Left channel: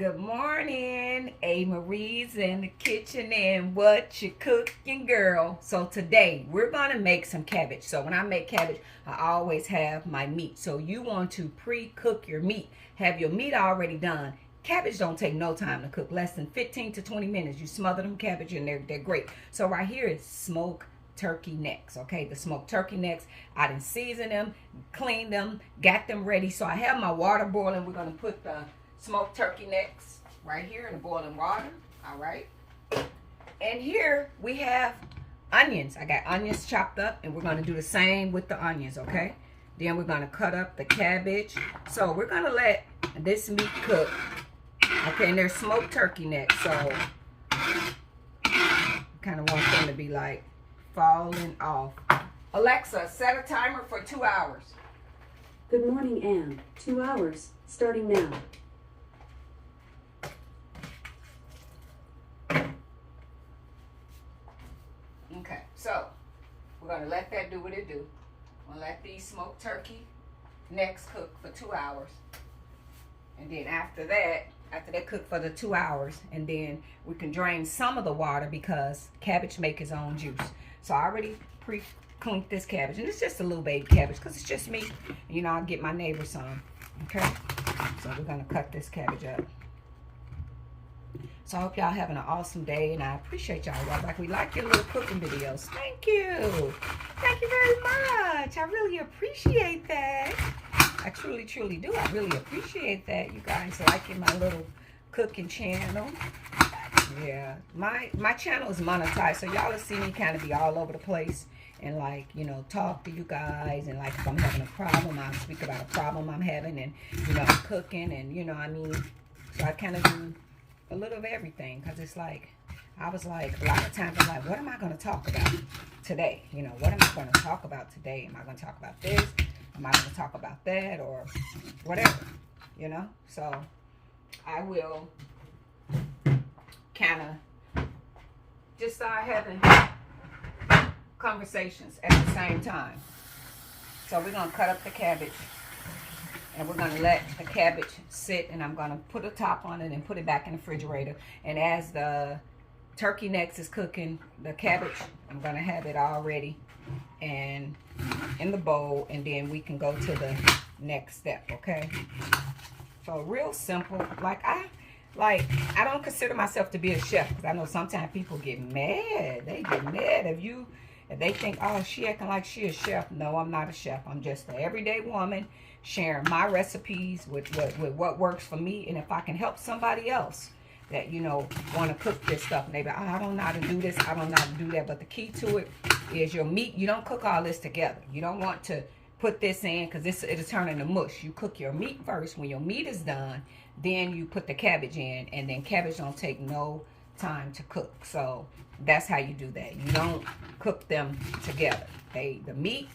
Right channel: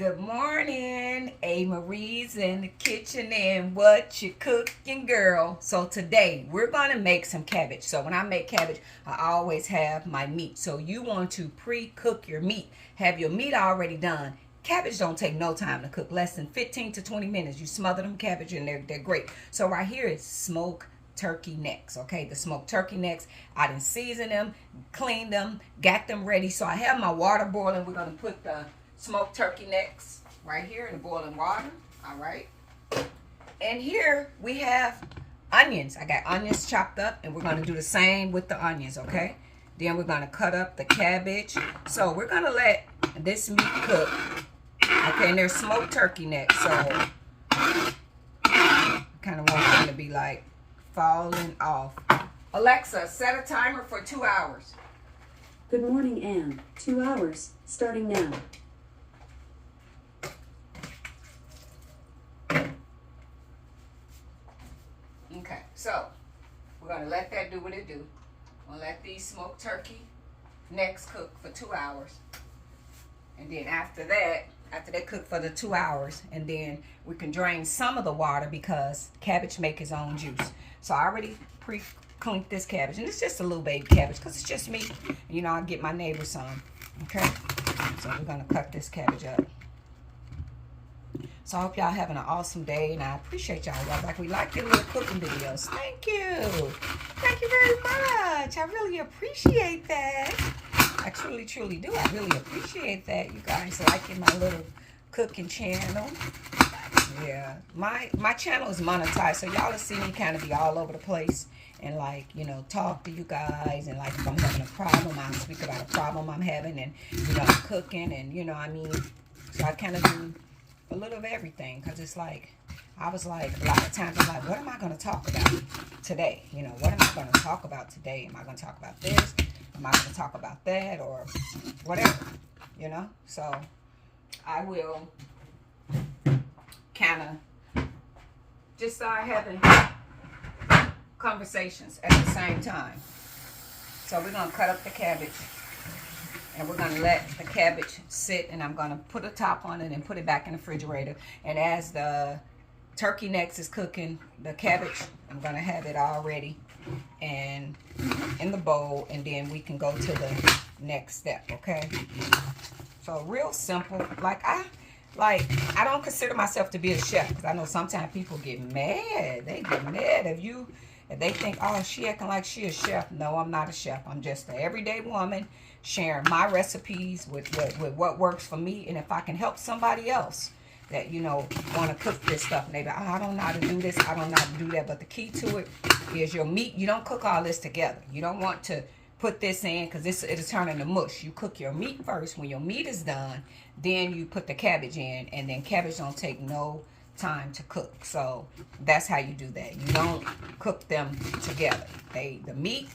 Good morning, A. Marie's in the kitchen, and what you cooking, girl? So today we're gonna make some cabbage. So when I make cabbage, I always have my meat. So you want to pre-cook your meat. Have your meat already done. Cabbage don't take no time to cook, less than 15 to 20 minutes. You smother them cabbage and they're great. So right here is smoked turkey necks. Okay, the smoked turkey necks, I done seasoned them, cleaned them, got them ready. So I have my water boiling. We're gonna put the smoked turkey necks right here in the boiling water. All right, and here we have onions. I got onions chopped up, and we're gonna do the same with the onions. Okay, then we're gonna cut up the cabbage. So we're gonna let this meat cook. Okay, and there's smoked turkey necks, so kind of want them to be like falling off. Alexa, set a timer for 2 hours. Good morning, Anne. 2 hours, starting now. Okay, so we're gonna let that do what it do. We're gonna let these smoked turkey necks cook for 2 hours. And then after they cook for the 2 hours, and then we can drain some of the water because cabbage make its own juice. So I already pre-cleaned this cabbage, and it's just a little baby cabbage because it's just me. You know, I'll get my neighbor some. Okay, so we're gonna cut this cabbage up. So I hope y'all having an awesome day, and I appreciate y'all. We like your little cooking videos. Thank you. Thank you very much. I really appreciate that. I truly, truly do. I really appreciate that. You guys liking my little cooking channel. Yeah, my channel is monetized, so y'all will see me kind of be all over the place and, like, you know, talk to you guys, and like if I'm having a problem, I'll speak about a problem I'm having, and you know, I'm cooking, and you know what I mean. So I kind of do a little of everything, because it's like, I was like, a lot of times I'm like, what am I going to talk about today? You know, what am I going to talk about today? Am I going to talk about this? Am I going to talk about that? Or whatever, you know? So I will kind of just start having conversations at the same time. So we're going to cut up the cabbage. And we're going to let the cabbage sit, and I'm going to put a top on it and put it back in the refrigerator. And as the turkey necks is cooking, the cabbage, I'm going to have it all ready and in the bowl, and then we can go to the next step, okay? So real simple. I don't consider myself to be a chef, because I know sometimes people get mad. They get mad if they think, oh, she acting like she a chef. No, I'm not a chef. I'm just an everyday woman sharing my recipes with what works for me. And if I can help somebody else that, you know, want to cook this stuff, maybe I don't know how to do this, I don't know how to do that, but the key to it is your meat. You don't cook all this together. You don't want to put this in, because it'll turn into mush. You cook your meat first. When your meat is done, then you put the cabbage in, and then cabbage don't take no time to cook. So that's how you do that. You don't cook them together. The meat,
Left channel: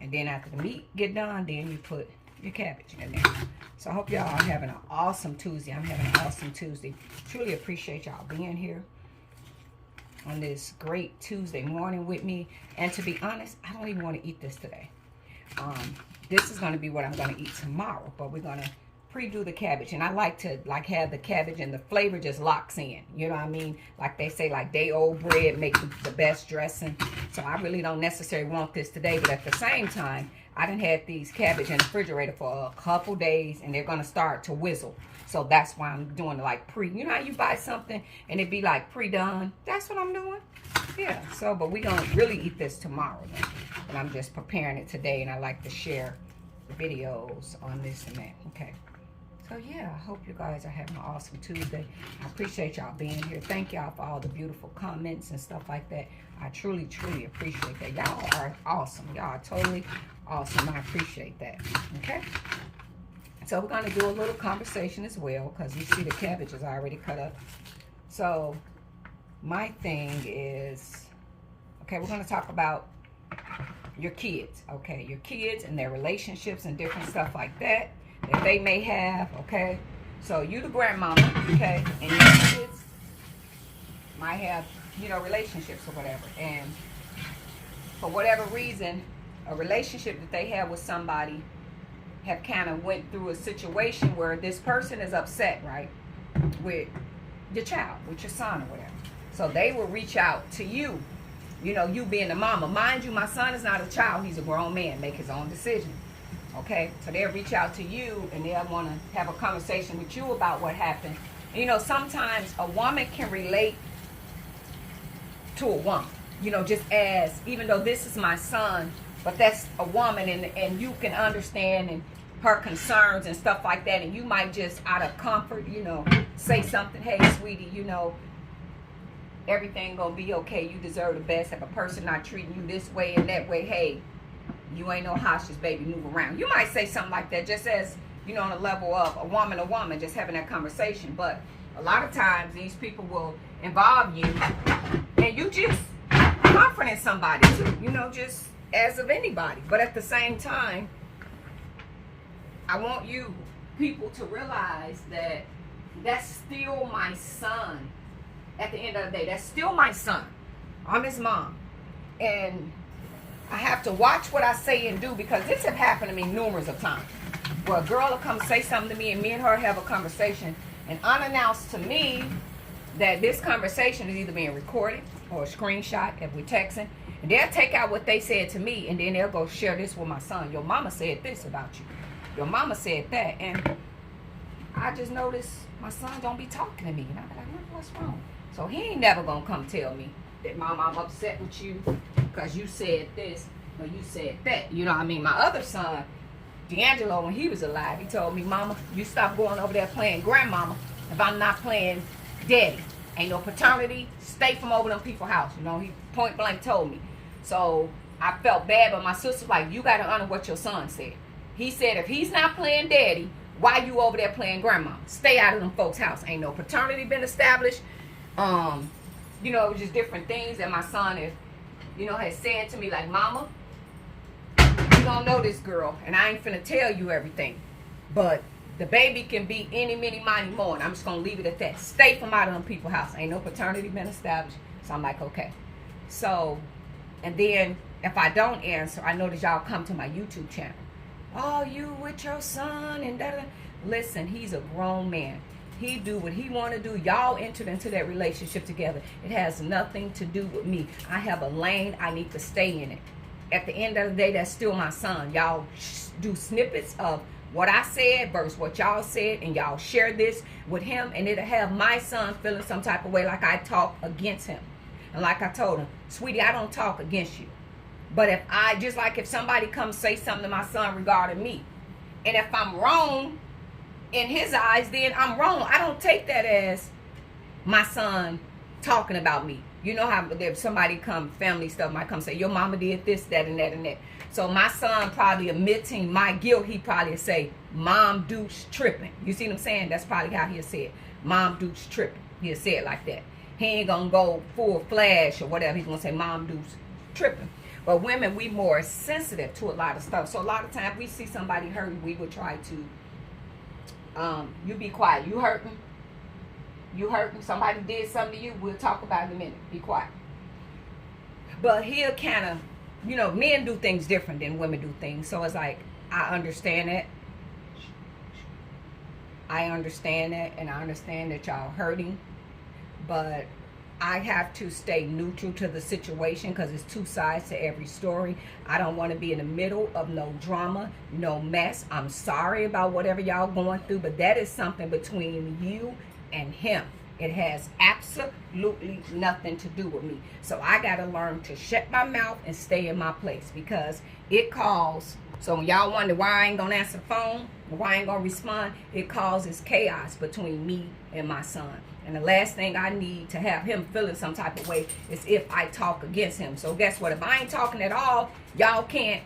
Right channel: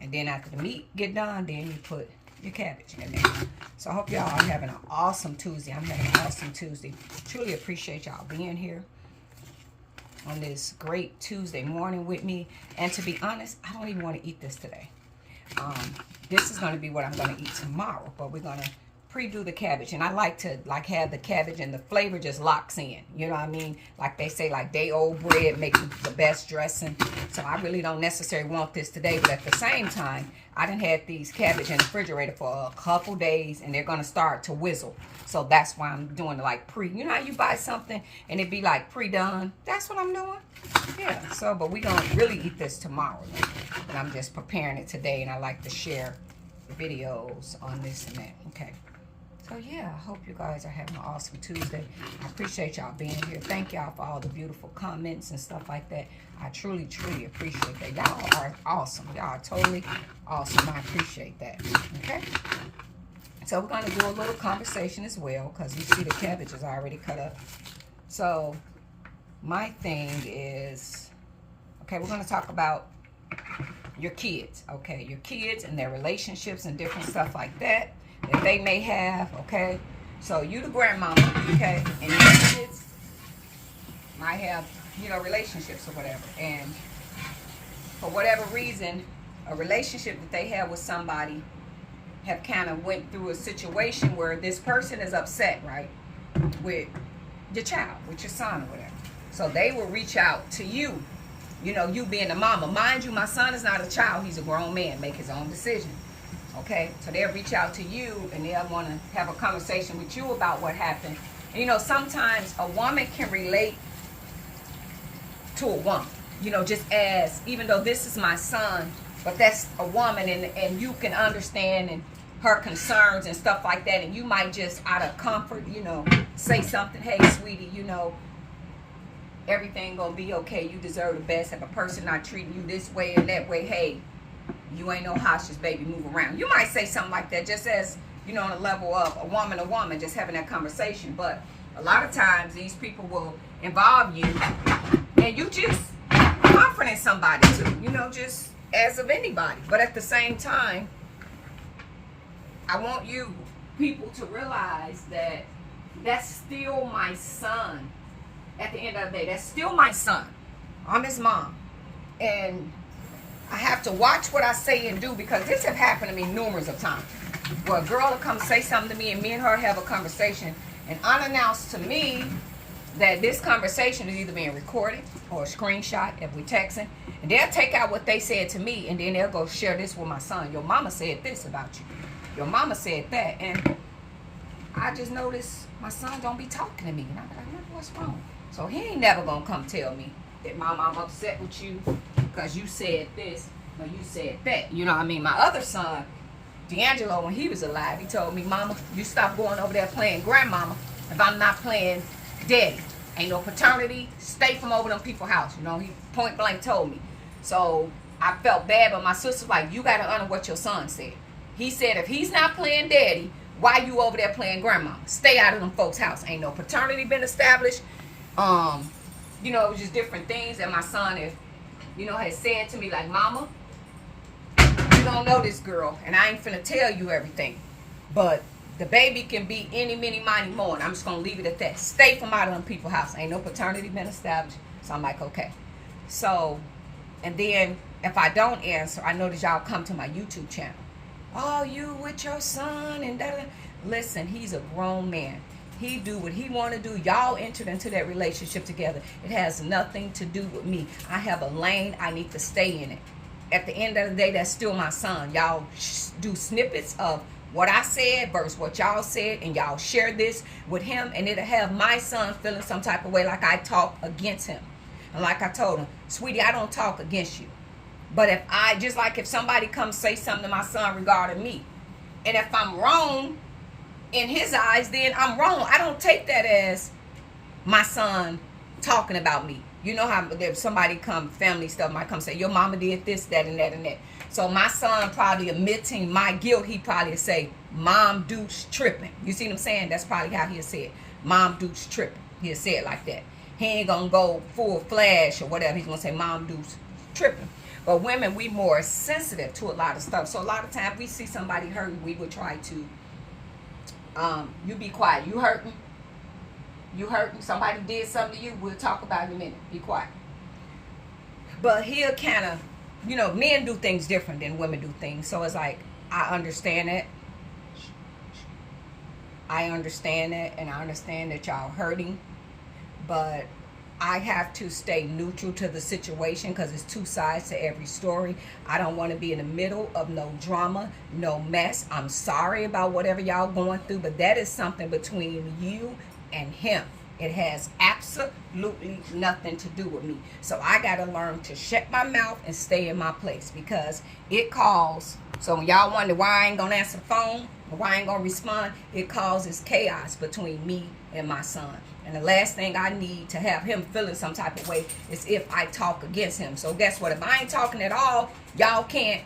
and then after the meat get done, then you put the cabbage in there. So I hope y'all are having an awesome Tuesday. I'm having an awesome Tuesday. Truly appreciate y'all being here on this great Tuesday morning with me. And to be honest, I don't even want to eat this today. This is going to be what I'm going to eat tomorrow. But we're going to pre-do the cabbage, and I like to have the cabbage and the flavor just locks in, you know what I mean? Like they say, like day old bread make the best dressing. So I really don't necessarily want this today, but at the same time, I done had these cabbage in the refrigerator for a couple days, and they're gonna start to whizzle. So that's why I'm doing like you know how you buy something and it be like pre-done? That's what I'm doing. Yeah, so but we gonna really eat this tomorrow, and I'm just preparing it today, and I like to share videos on this and that. Okay. So yeah, I hope you guys are having an awesome Tuesday. I appreciate y'all being here. Thank y'all for all the beautiful comments and stuff like that. I truly, truly appreciate that. Y'all are awesome. Y'all are totally awesome. I appreciate that. Okay? So we're going to do a little conversation as well, because you see the cabbage is already cut up. So my thing is, okay, we're going to talk about your kids. Okay, your kids and their relationships and different stuff like that that they may have, okay? So you the grandmama, okay, and your kids might have, you know, relationships or whatever, and for whatever reason, a relationship that they have with somebody have kind of went through a situation where this person is upset, right? with your child, with your son or whatever. So they will reach out to you, you know, you being the mama. Mind you, my son is not a child. He's a grown man, make his own decision. Okay? So they'll reach out to you and they'll want to have a conversation with you about what happened. You know, sometimes a woman can relate to a woman. You know, just as, even though this is my son, but that's a woman, and you can understand and her concerns and stuff like that, and you might just out of comfort, you know, say something, hey sweetie, you know, everything gonna be okay, you deserve the best. If a person not treating you this way and that way, hey, you ain't no hostage, baby, move around. You might say something like that, just as, you know, on the level of a woman, just having that conversation. But a lot of times these people will involve you and you just confident somebody too, you know, just as of anybody. But at the same time, I want you people to realize that that's still my son. At the end of the day, that's still my son. I'm his mom. And I have to watch what I say and do, because this has happened to me numerous of times. Where a girl will come say something to me and me and her have a conversation, and unannounced to me that this conversation is either being recorded or a screenshot if we're texting. And they'll take out what they said to me and then they'll go share this with my son. Your mama said this about you. Your mama said that. And I just noticed my son don't be talking to me. And I'm like, what's wrong? So he ain't never gonna come tell me that, Mama, I'm upset with you because you said this or you said that. You know what I mean? My other son, D'Angelo, when he was alive, he told me, Mama, you stop going over there playing grandmama if I'm not playing daddy. Ain't no paternity. Stay from over them people's house. You know, he point blank told me. So I felt bad, but my sister's like, you got to honor what your son said. He said, if he's not playing daddy, why you over there playing grandma? Stay out of them folks' house. Ain't no paternity been established. You know, it was just different things that my son is, you know, had said to me, like, Mama, you don't know this girl, and I ain't finna tell you everything. But the baby can be any, many, mighty, more, and I'm just gonna leave it at that. Stay from out of them people's house. Ain't no paternity been established. So I'm like, okay. So, and then if I don't answer, I notice y'all come to my YouTube channel. Oh, you with your son and da. Listen, he's a grown man. He do what he want to do. Y'all entered into that relationship together. It has nothing to do with me. I have a lane. I need to stay in it. At the end of the day, that's still my son. Y'all do snippets of what I said versus what y'all said, and y'all share this with him, and it'll have my son feeling some type of way like I talk against him. And like I told him, sweetie, I don't talk against you. But if I, just like if somebody comes say something to my son regarding me, and if I'm wrong in his eyes, then I'm wrong. I don't take that as my son talking about me. You know how if somebody come, family stuff might come say, your mama did this, that, and that, and that. So my son probably admitting my guilt, he probably say, Mom Dooch tripping. You see what I'm saying? That's probably how he'll say it. Mom Dooch tripping. He'll say it like that. He ain't gonna go full flash or whatever. He's gonna say Mom Dooch tripping. But women, we more sensitive to a lot of stuff. So a lot of times we see somebody hurting, we would try to, you be quiet. You hurting? You hurting? Somebody did something to you? We'll talk about it in a minute. Be quiet. But he'll kind of, you know, men do things different than women do things. So it's like, I understand it. I understand that, and I understand that y'all hurting. But I have to stay neutral to the situation because it's two sides to every story. I don't want to be in the middle of no drama, no mess. I'm sorry about whatever y'all going through, but that is something between you and him. It has absolutely nothing to do with me. So I got to learn to shut my mouth and stay in my place, because it calls. So when y'all wonder why I ain't going to answer the phone, or why I ain't going to respond, it causes chaos between me and my son. And the last thing I need to have him feeling some type of way is if I talk against him. So guess what? If I ain't talking at all, y'all can't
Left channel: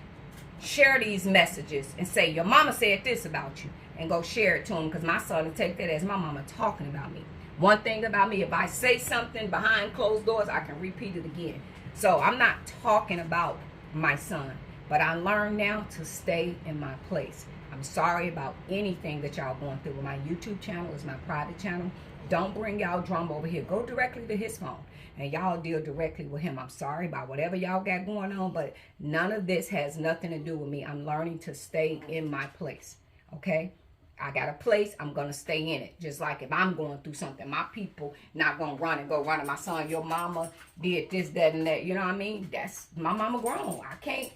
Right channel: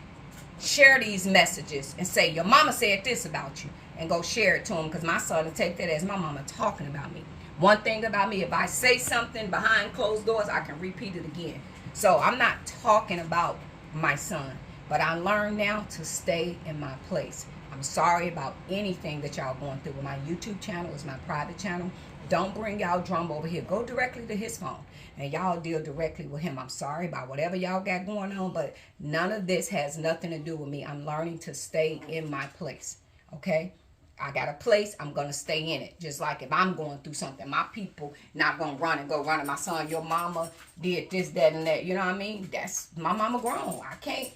share these messages and say, your mama said this about you, and go share it to him, because my son will take that as my mama talking about me. One thing about me, if I say something behind closed doors, I can repeat it again. So I'm not talking about my son, but I learned now to stay in my place. I'm sorry about anything that y'all going through. My YouTube channel is my private channel. Don't bring y'all drama over here. Go directly to his phone and y'all deal directly with him. I'm sorry about whatever y'all got going on, but none of this has nothing to do with me. I'm learning to stay in my place, okay? I got a place, I'm going to stay in it. Just like if I'm going through something, my people not going to run and go running. My son, your mama did this, that, and that. You know what I mean? That's, my mama grown. I can't,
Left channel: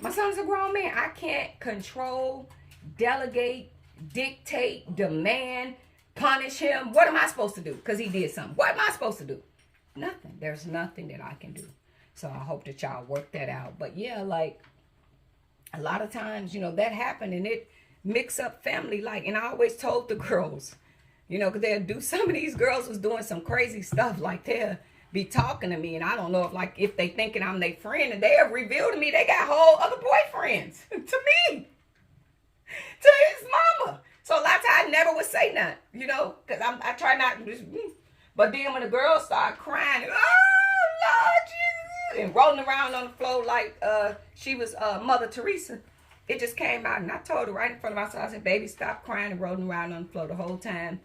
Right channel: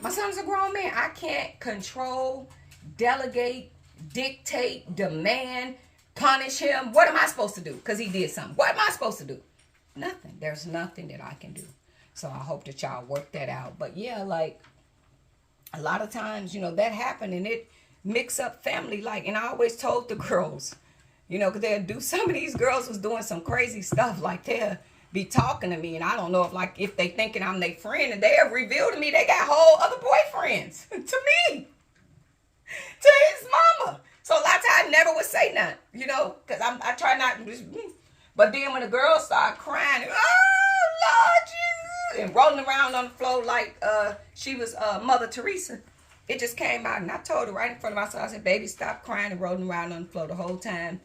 my son's a grown man. I can't control, delegate, dictate, demand, punish him. What am I supposed to do? Because he did something. What am I supposed to do? Nothing. There's nothing that I can do. So I hope that y'all work that out. But yeah, like a lot of times, you know, that happened and it mix up family. Like, and I always told the girls, you know, because they'll do, some of these girls was doing some crazy stuff. Like they'll be talking to me and I don't know if like, if they thinking I'm their friend, and they have revealed to me they got whole other boyfriends to me, to his mama. So a lot of times I never would say nothing, you know, because I try not, but then when the girls start crying, oh Lord, you, and rolling around on the floor like she was Mother Teresa, it just came out, and I told her right in front of myself, I said, baby, stop crying and rolling around on the floor. The whole time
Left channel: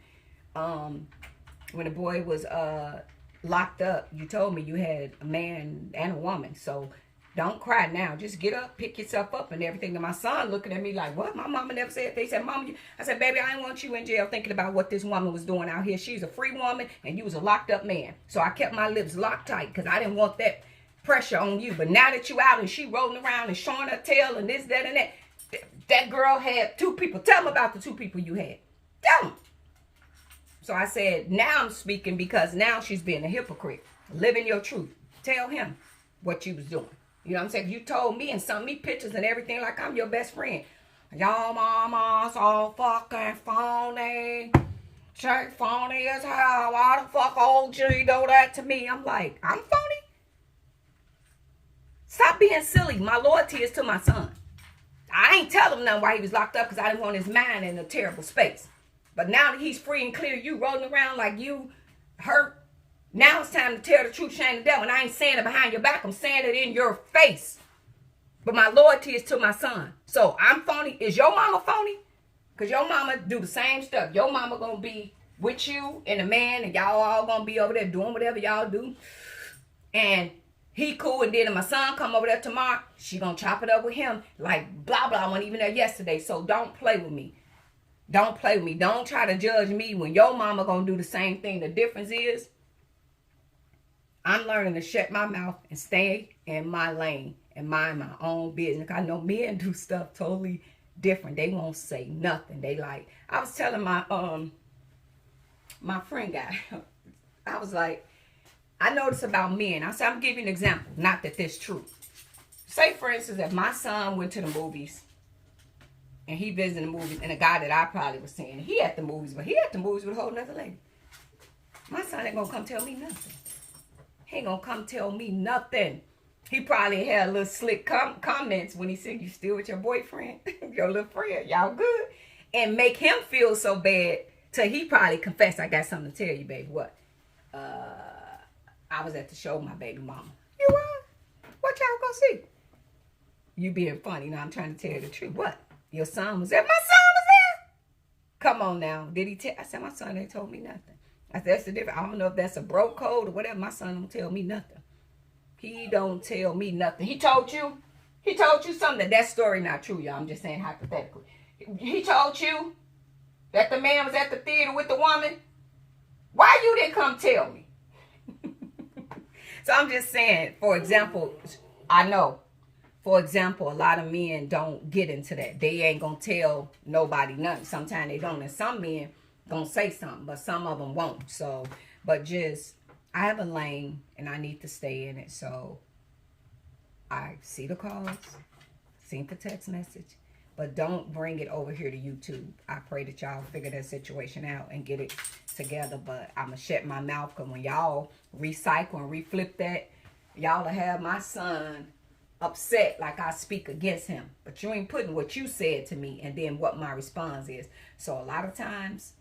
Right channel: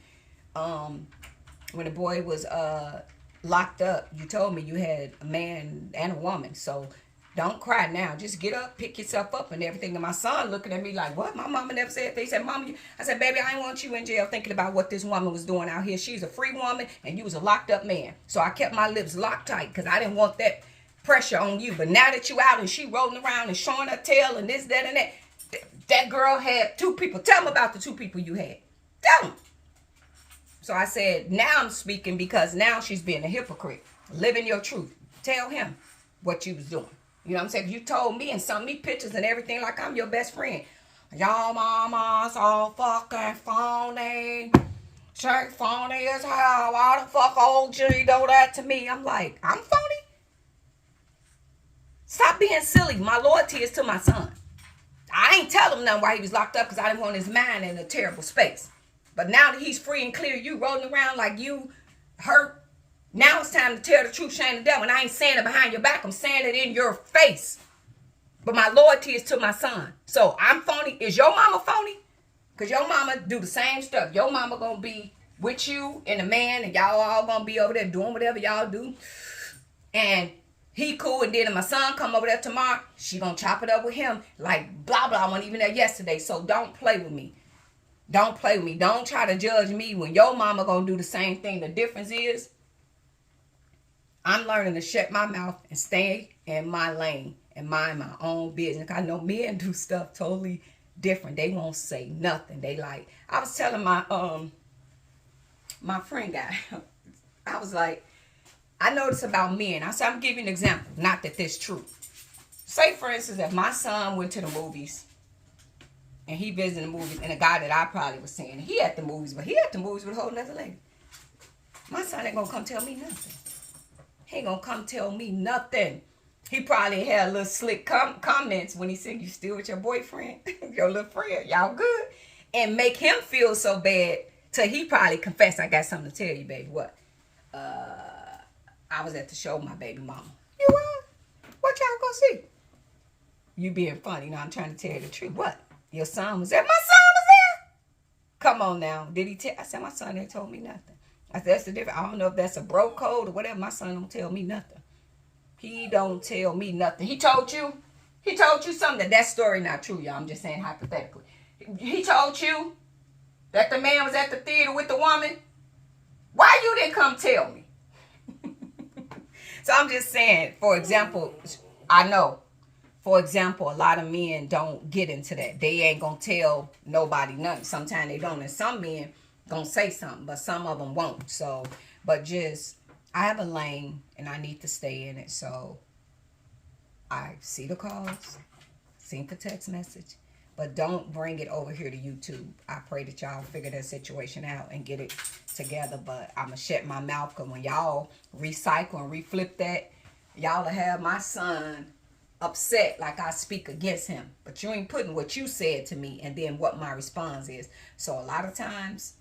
when the boy was locked up, you told me you had a man and a woman, so don't cry now. Just get up, pick yourself up and everything. And my son looking at me like, what? My mama never said. They said, Mama, I said, baby, I ain't want you in jail thinking about what this woman was doing out here. She's a free woman and you was a locked up man. So I kept my lips locked tight because I didn't want that pressure on you. But now that you out and she rolling around and showing her tail and this, that, and that, that girl had two people. Tell them about the two people you had. Tell them. So I said, now I'm speaking because now she's being a hypocrite. Living your truth. Tell him what you was doing. You know what I'm saying? You told me and sent me pictures and everything like I'm your best friend. Y'all mama's all fucking phony. Straight phony as hell. Why the fuck old G do that to me? I'm like, I'm phony? Stop being silly. My loyalty is to my son. I ain't tell him nothing while he was locked up because I didn't want his mind in a terrible space. But now that he's free and clear, you rolling around like you hurt. Now it's time to tell the truth, shame the devil. And I ain't saying it behind your back. I'm saying it in your face. But my loyalty is to my son. So I'm phony. Is your mama phony? Because your mama do the same stuff. Your mama going to be with you and a man. And y'all all going to be over there doing whatever y'all do. And he cool. And then if my son come over there tomorrow, she going to chop it up with him. Like blah, blah. I wasn't even there yesterday. So don't play with me. Don't play with me. Don't try to judge me when your mama going to do the same thing. The difference is, I'm learning to shut my mouth and stay in my lane and mind my own business. I know men do stuff totally different. They won't say nothing. They like, I was telling my my friend guy, I was like, I noticed about men. I said, I'm giving you an example. Not that this true. Say, for instance, if my son went to the movies and he visited the movies, and a guy that I probably was seeing, he at the movies, but he at the movies with a whole nother lady. My son ain't gonna come tell me nothing. He ain't gonna come tell me nothing. He probably had a little slick comments when he said, you still with your boyfriend, your little friend, y'all good? And make him feel so bad till he probably confess, I got something to tell you, baby. What? I was at the show with my baby mama. You what? What y'all gonna see? You being funny. Now I'm trying to tell you the truth. What? Your son was there? My son was there? Come on now. Did he tell? I said, my son ain't told me nothing. I said, that's the difference. I don't know if that's a bro code or whatever. My son don't tell me nothing. He don't tell me nothing. He told you? He told you something. That story not true, y'all. I'm just saying hypothetically. He told you that the man was at the theater with the woman? Why you didn't come tell me? So I'm just saying, for example, I know. For example, a lot of men don't get into that. They ain't going to tell nobody nothing. Sometimes they don't. And some men gonna say something, but some of them won't. So, but just, I have a lane and I need to stay in it. So I see the calls, seen the text message, but don't bring it over here to YouTube. I pray that y'all figure that situation out and get it together. But I'm gonna shut my mouth, because when y'all recycle and reflip that, y'all will have my son upset like I speak against him. But you ain't putting what you said to me and then what my response is. So a lot of times,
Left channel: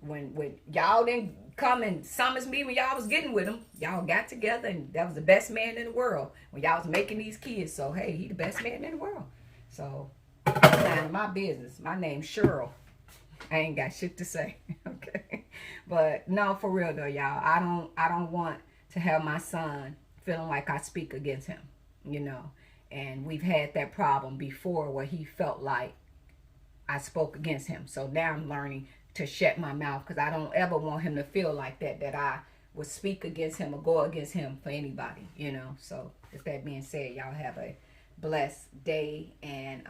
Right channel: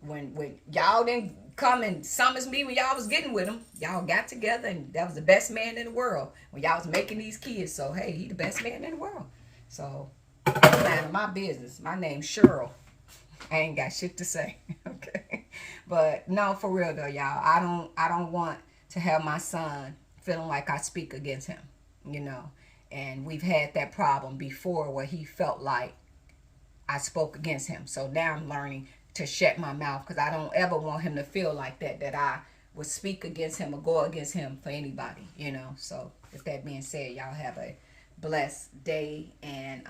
when y'all didn't come and summons me when y'all was getting with him, y'all got together and that was the best man in the world when y'all was making these kids. So, hey, he the best man in the world. So, I'm minding my business. My name's Cheryl. I ain't got shit to say. Okay. But, no, for real, though, y'all. I don't want to have my son feeling like I speak against him, you know. And we've had that problem before where he felt like I spoke against him. So now I'm learning to shut my mouth, because I don't ever want him to feel like that I would speak against him or go against him for anybody, you know. So with that being said, y'all have a blessed day, and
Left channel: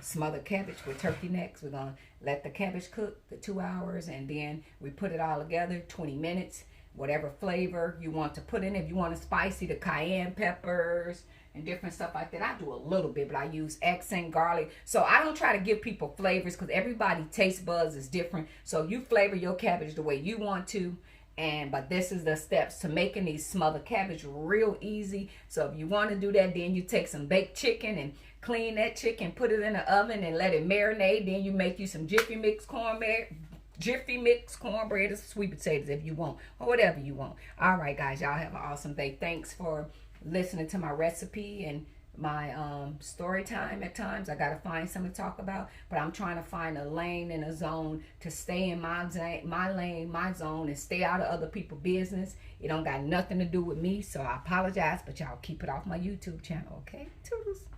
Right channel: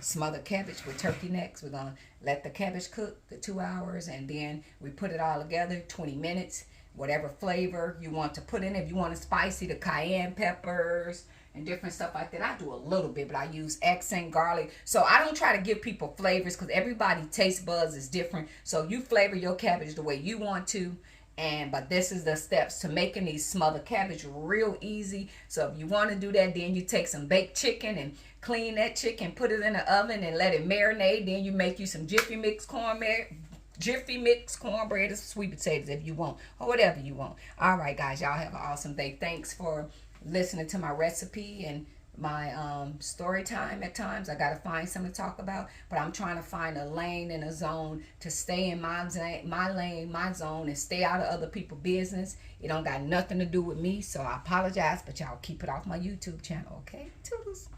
smothered cabbage with turkey necks. We're gonna let the cabbage cook for 2 hours, and then we put it all together 20 minutes. Whatever flavor you want to put in. If you want it spicy, the cayenne peppers and different stuff like that. I do a little bit, but I use accent garlic. So I don't try to give people flavors, because everybody taste buds is different. So you flavor your cabbage the way you want to. But this is the steps to making these smothered cabbage real easy. So if you want to do that, then you take some baked chicken and clean that chicken, put it in the oven and let it marinate. Then you make you some Jiffy Mix cornbread or sweet potatoes if you want, or whatever you want. All right, guys, y'all have an awesome day. Thanks for listening to my recipe and my story time. At times I gotta find something to talk about, but I'm trying to find a lane and a zone to stay in my lane, my zone, and stay out of other people's business. It don't got nothing to do with me, so I apologize, but y'all keep it off my YouTube channel, okay? Toodles.